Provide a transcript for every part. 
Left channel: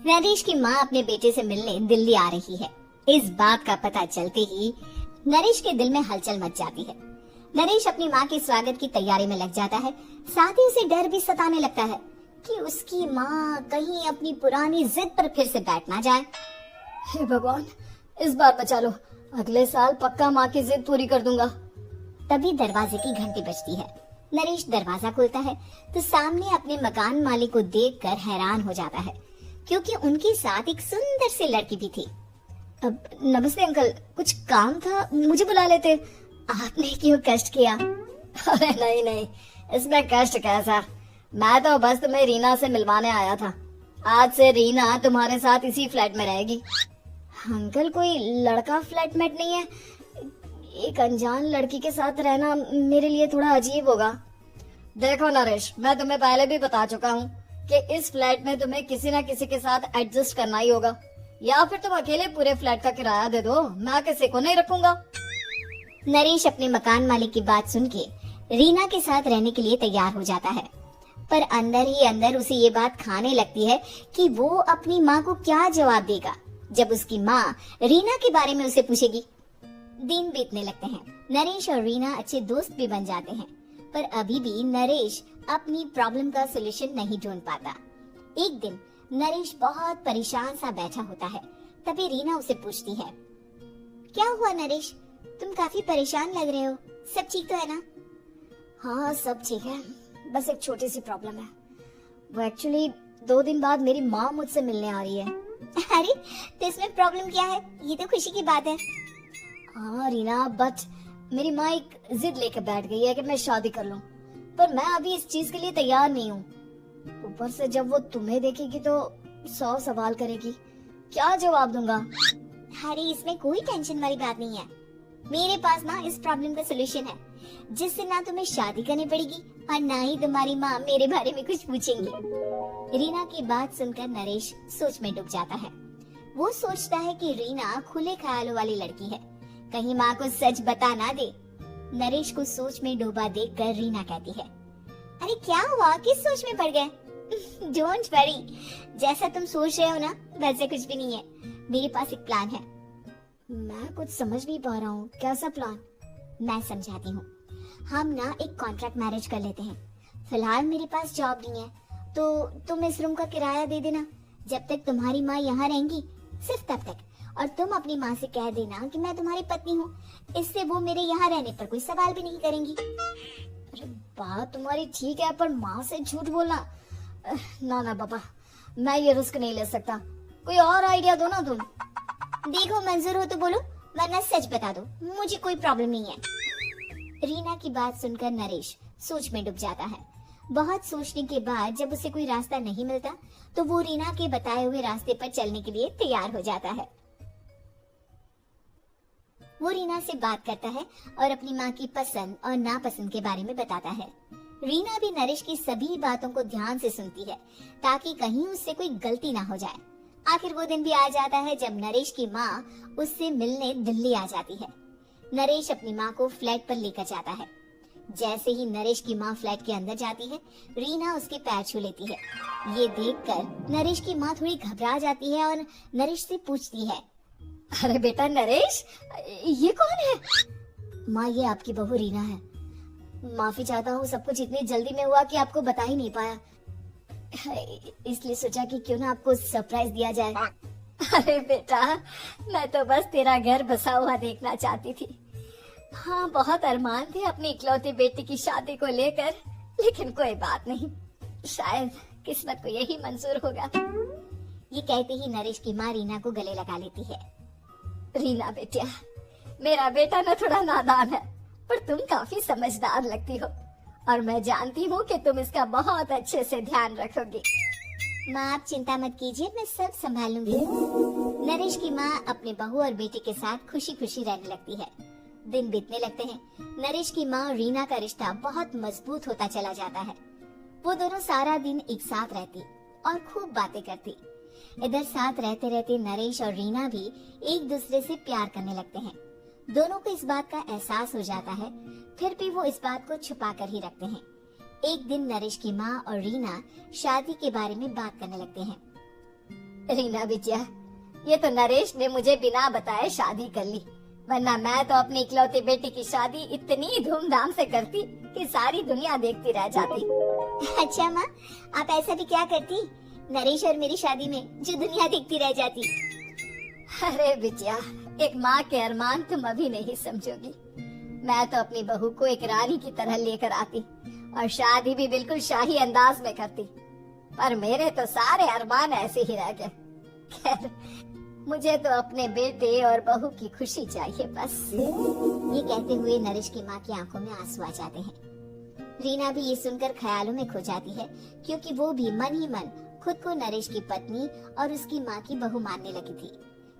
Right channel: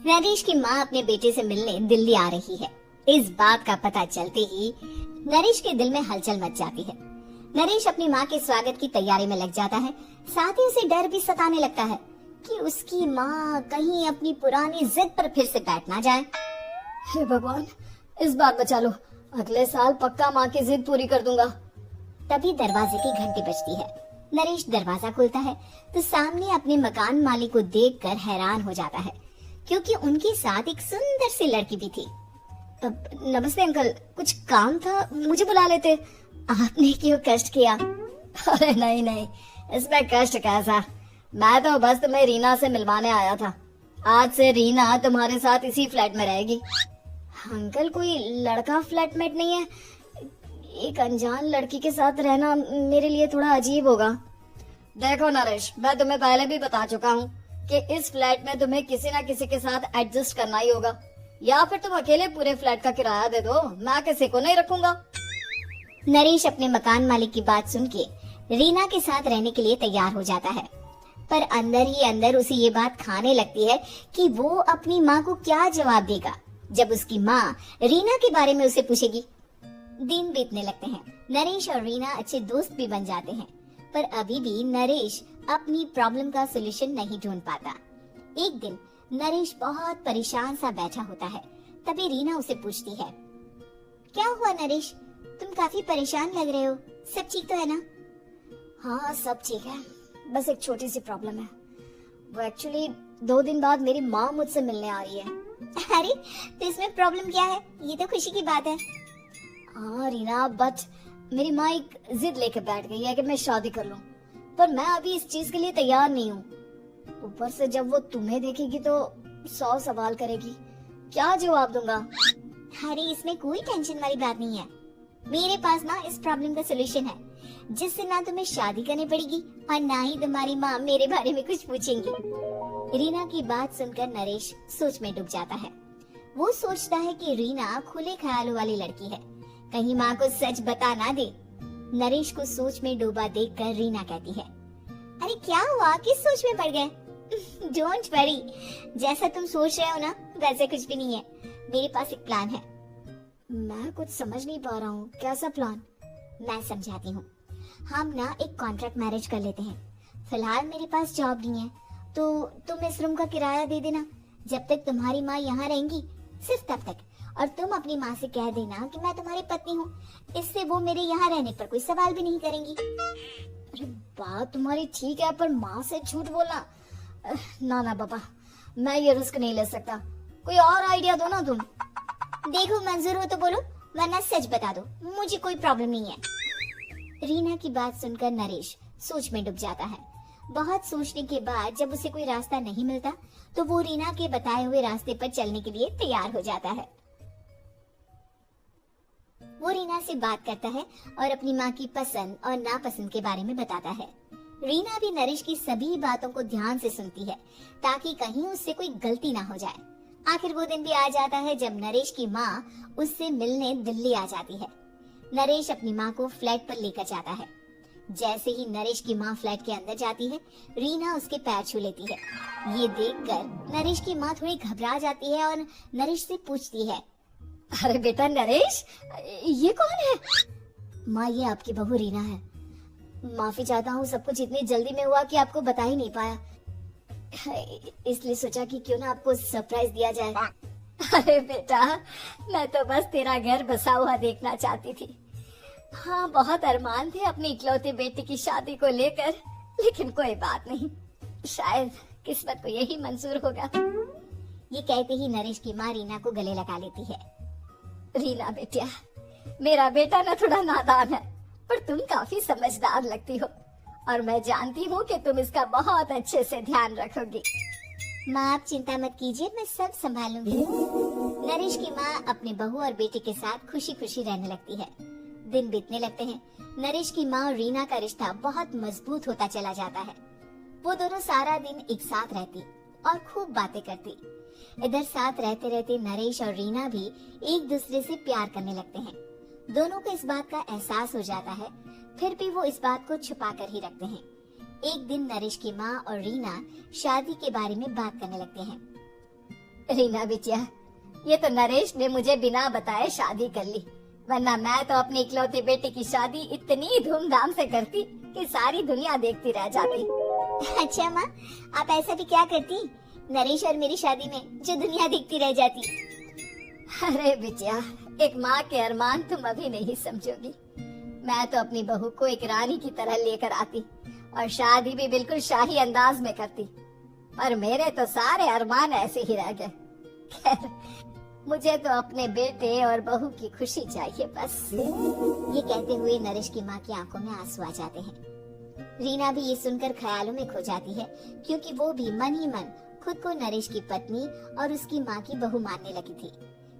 नरेश की माँ अपने बेटे से मिलने दिल्ली आ रही है। इस बात का पता चलते ही नरेश के दिल में हलचल मच जाती है। नरेश अपनी माँ के स्वागत की तैयारी में लग जाता है। साथ ही उसे डर भी सताने लगता है कि उसकी माँ कहीं अपनी पुरानी जिद पर फिर से बैठ ना जाए। हे भगवान, इस बार बचा लो, अगले साल पक्का माँ की जिद पूरी कर दूंगा। तभी दरवाजे की घंटी बजती है। नरेश दरवाजा खोलता है तो सामने अपने मकान मालिक को देखकर हैरान हो जाता है, क्योंकि उनके साथ एक सुंदर सी लड़की भी थी। नमस्ते अंकल, कुछ काम था, मुझे बुला लेते। आपने क्यों कष्ट किया? अरे नहीं नहीं, इसमें कष्ट कैसा, मैं तो बस तुम्हें रीना से मिलवाने आया था। आज से रीना तुम्हारे साथ इसी फ्लैट में रहेगी। अंकल, कोई लड़का फ्लैटमेट नहीं है? एक अनजान लड़की के साथ रहना मेरे लिए थोड़ा अजीब होगा। देखो नरेश, मैं तुम्हें पहले भी बता चुका हूँ कि इस फ्लैट में तुम्हें किसी न किसी के साथ एडजस्ट करना ही होगा, या फिर तुम अकेले पूरे फ्लैट का किराया दे दो, मैं किसी को नहीं रखूंगा। नरेश अपने मकान मालिक की बात सुन के रीना के साथ रहने के लिए तैयार हो जाता है, पर अंदर ही अंदर उसे ये बात खाने लगती है कि वो अपनी माँ को क्या जवाब देगा जब उसकी माँ रीना के बारे में उसे पूछेगी। दिन बीतने लगते हैं। नरेश और रीना अच्छे दोस्त भी बन जाते हैं, पर अभी भी नरेश अपनी प्रॉब्लम का सोल्यूशन नहीं ढूंढ पाता। एक दिन नरेश बहुत परेशान सा बैठा होता है। तभी रीना उसे पूछती है, क्या हुआ नरेश, तुम काफी परेशान लग रहे हो, सब ठीक तो है ना? हाँ सब ठीक है, बस एक छोटी सी प्रॉब्लम है। वो एक्चुअली 2 दिन बाद मेरी माँ मुझसे मिलने आ रही है। अरे तो इसमें प्रॉब्लम क्या है, ये तो खुशी की बात है। हाँ रीना, बट मेरी माँ एक जिद लेकर बैठ गई है कि मैं शादी कर लूं, पर मैं अभी इस चीज के लिए तैयार नहीं हूँ। ऊपर से जब वो तुम्हें देखेगी तो 100 सवाल करेगी, क्या जवाब दूंगा? अरे इसमें कोई टेंशन वाली बात नहीं है, मेरे पास ना इस प्रॉब्लम का सोल्यूशन है, जिससे ना तुम्हें शादी करनी पड़ेगी और ना ही तुम्हारी माँ मेरे बारे में कुछ पूछेंगी। रीना की बात सुनकर नरेश सोच में डूब जाता है। वो सोचता है कि रीना खुले ख्यालों वाली लड़की है, कहीं माँ को सच बता ना दे। नरेश को सोच में डूबा देखकर रीना कहती है, अरे क्या हुआ, किस सोच में पड़ गए? डोंट वरी, जैसा तुम सोच रहे हो ना वैसे कुछ भी नहीं है, मेरे पास एक प्लान है। मैं कुछ समझ नहीं पा रहा हूँ, कैसा प्लान? मैं समझाती हूँ। हम ना एक कॉन्ट्रैक्ट मैरिज कर लेते हैं। फिलहाल मेरे पास जॉब नहीं है, तो तुम इस रूम का किराया दे देना जब तक तुम्हारी माँ यहाँ रहेंगी, सिर्फ तब तक। और तुम अपनी माँ से कह देना कि मैं तुम्हारी पत्नी हूँ, इससे वो मेरे यहाँ रहने पर कोई सवाल भी नहीं करेंगी। अरे बात तुम्हारी ठीक है, पर माँ से झूठ बोलना, ना ना पापा, मैं ये रिस्क नहीं ले सकता। कोई और आइडिया दो ना तुम। देखो मंजूर हो तो बोलो, वरना सच बता दो, मुझे कोई प्रॉब्लम नहीं है। रीना की बात सुनकर नरेश सोच में डूब जाता है। बहुत सोचने के बाद जब उसे कोई रास्ता नहीं मिलता तो वो रीना के बताए हुए रास्ते पर चलने के लिए तैयार हो जाता है। वो रीना से बात करता है और अपनी माँ की पसंद और नापसंद के बारे में बताता है। रीना भी नरेश की सभी बातों को ध्यान से सुनती है, ताकि कहीं उससे कोई गलती ना हो जाए। आखिर वो दिन भी आ जाता है जब नरेश की माँ उससे मिलने दिल्ली आ जाती है। नरेश अपनी माँ को फ्लैट पर लेकर जाता है। जैसे ही नरेश की माँ फ्लैट के अंदर जाती है, रीना उसके पैर छू लेती है। ये देखकर नरेश की माँ थोड़ी घबरा जाती है और नरेश से पूछती है, अरे बेटा नरेश, ये कौन है? माँ, ये आपकी बहू रीना है। माफी चाहता हूँ, सब कुछ इतनी जल्दी में हुआ कि आपको बता ही नहीं पाया, इसलिए सोचा कि क्यों ना आपको सरप्राइज दिया जाए। अरे बेटा, मैं तो बस तेरा घर बसा हुआ देखना चाहती थी। हाँ, बहुत अरमान थे अपनी इकलौती बेटी की शादी को लेकर, लेकिन कोई बात नहीं, शायद किस्मत को यही मंजूर होगा। ये कहते ही नरेश की माँ रीना को गले लगा लेती है। रीना बेटिया, मेरा बेटा ना थोड़ा नादान है, पर तुम काफी समझदार लगती हो और मैं जानती हूँ कि तुम इसका बहुत अच्छे से ध्यान रखोगी। माँ आप चिंता मत कीजिए, मैं सब संभाल लूंगी। नरेश की माँ अपने बहू और बेटी के साथ खुशी खुशी रहने लगती है। दिन बीतने लगते हैं। नरेश की माँ और रीना का रिश्ता बहुत मजबूत होता चला जाता है। वो दोनों सारा दिन एक साथ रहती और खूब बातें करती। इधर साथ रहते रहते नरेश और रीना भी एक दूसरे से प्यार करने लगते हैं। दोनों को इस बात का एहसास हो जाता है, फिर भी वो इस बात को छुपा कर ही रखते हैं। एक दिन नरेश की माँ और रीना शादी के बारे में बात करने लगते हैं। रीना बिटिया, ये तो नरेश ने मुझे बिना बताए शादी कर ली, वरना मैं तो अपनी इकलौती बेटी की शादी इतनी धूमधाम से करती कि सारी दुनिया देखती रह जाती। अच्छा माँ, आप ऐसा भी क्या करती नरेश और मेरी शादी में जो दुनिया देखती रह जाती? अरे बिटिया, एक माँ के अरमान तुम अभी नहीं समझोगी। मैं तो अपनी बहू को एक रानी की तरह लेकर आती और शादी भी बिल्कुल शाही अंदाज में करती, पर मेरे तो सारे अरमान ऐसे ही रह गए। खैर, मुझे तो अपने बेटे और बहू की खुशी चाहिए बस। ये कहते हुए नरेश की माँ की आंखों में आंसू आ जाते हैं। रीना भी ये सुनकर ख्यालों में खो जाती है, क्योंकि वो भी मन ही मन खुद को नरेश की पत्नी और उसकी माँ की बहू मानने लगी थी।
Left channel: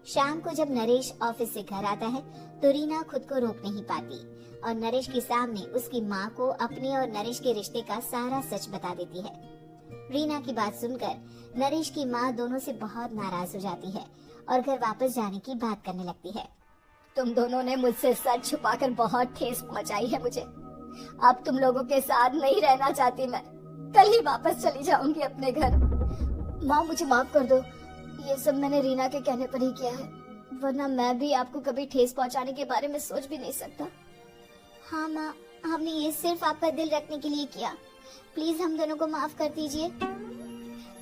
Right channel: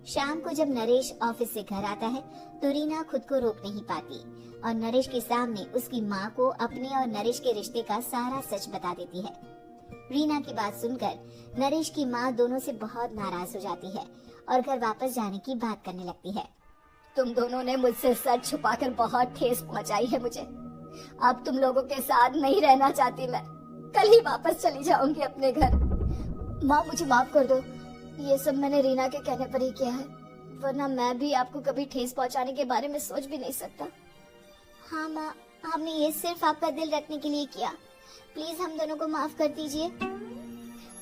शाम को जब नरेश ऑफिस से घर आता है तो रीना खुद को रोक नहीं पाती और नरेश के सामने उसकी माँ को अपने और नरेश के रिश्ते का सारा सच बता देती है। रीना की बात सुनकर नरेश की माँ दोनों से बहुत नाराज हो जाती है और घर वापस जाने की बात करने लगती है। तुम दोनों ने मुझसे सच छुपाकर बहुत ठेस पहुंचाई है मुझे। अब तुम लोगों के साथ नहीं रहना चाहती मैं, कल ही वापस चली जाऊंगी अपने घर। माँ, मुझे माफ कर दो, ये सब मैंने रीना के कहने पर ही किया है, वरना मैं भी आपको कभी ठेस पहुंचाने के बारे में सोच भी नहीं सकता। हाँ माँ, हमने ये सिर्फ आपका दिल रखने के लिए किया, प्लीज हम दोनों को माफ कर दीजिए।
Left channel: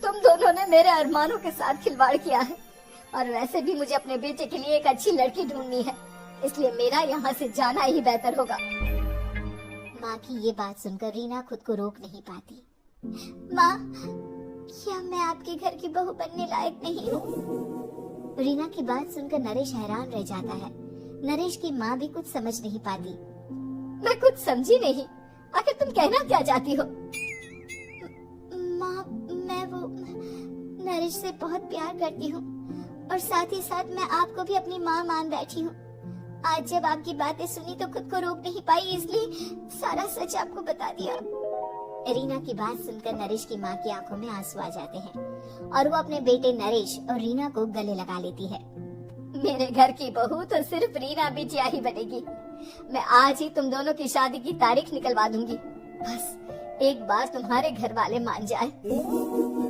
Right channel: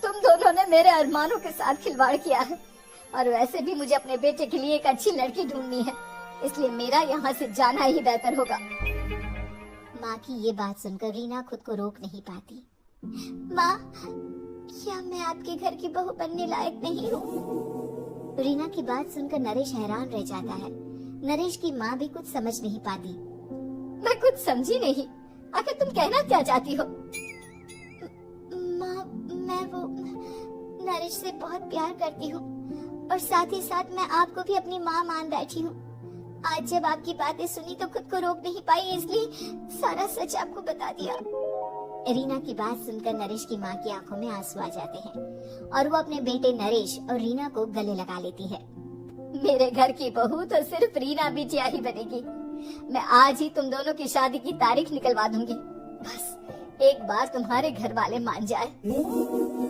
तुम दोनों ने मेरे अरमानों के साथ खिलवाड़ किया है, और वैसे भी मुझे अपने बेटे के लिए एक अच्छी लड़की ढूंढनी है, इसलिए मेरा यहाँ से जाना ही बेहतर होगा। माँ की ये बात सुनकर रीना खुद को रोक नहीं पाती। माँ, क्या मैं आपके घर की बहू बनने लायक नहीं हूँ? रीना की बात सुनकर नरेश हैरान रह जाता है। नरेश की माँ भी कुछ समझ नहीं पाती। मैं कुछ समझी नहीं, आखिर तुम कहना क्या चाहती हो? माँ, मैं वो नरेश से बहुत प्यार करती हूँ और साथ ही साथ मैं आपको भी अपनी माँ मान बैठी हूँ। आज जब आपकी बातें सुनी तो खुद को रोक नहीं पाई, इसलिए सारा सच आपको बता दिया। रीना की बात सुनकर नरेश की माँ की आंखों में आंसू आ जाते हैं और वो अपने बेटे नरेश और रीना को गले लगा लेती है। मेरे घर की बहू तो सिर्फ रीना बिटिया ही बनेगी। मैं आज ही तुम दोनों की शादी की तारीख निकलवा दूंगी, बस एक बार तुम्हारे घर वाले मान जाए।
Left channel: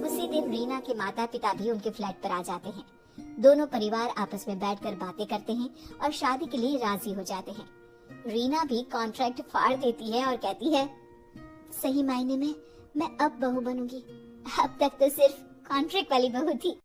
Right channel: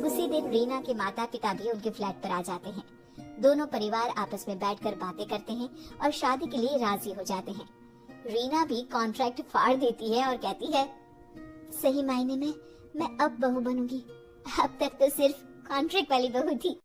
उसी दिन रीना के माता पिता भी उनके फ्लैट पर आ जाते हैं। दोनों परिवार आपस में बैठकर बातें करते हैं और शादी के लिए राजी हो जाते हैं। रीना भी कॉन्ट्रैक्ट फाड़ देती है और कहती है, सही मायने में मैं अब बहू बनूंगी, अब तक तो सिर्फ कॉन्ट्रैक्ट वाली बहू थी।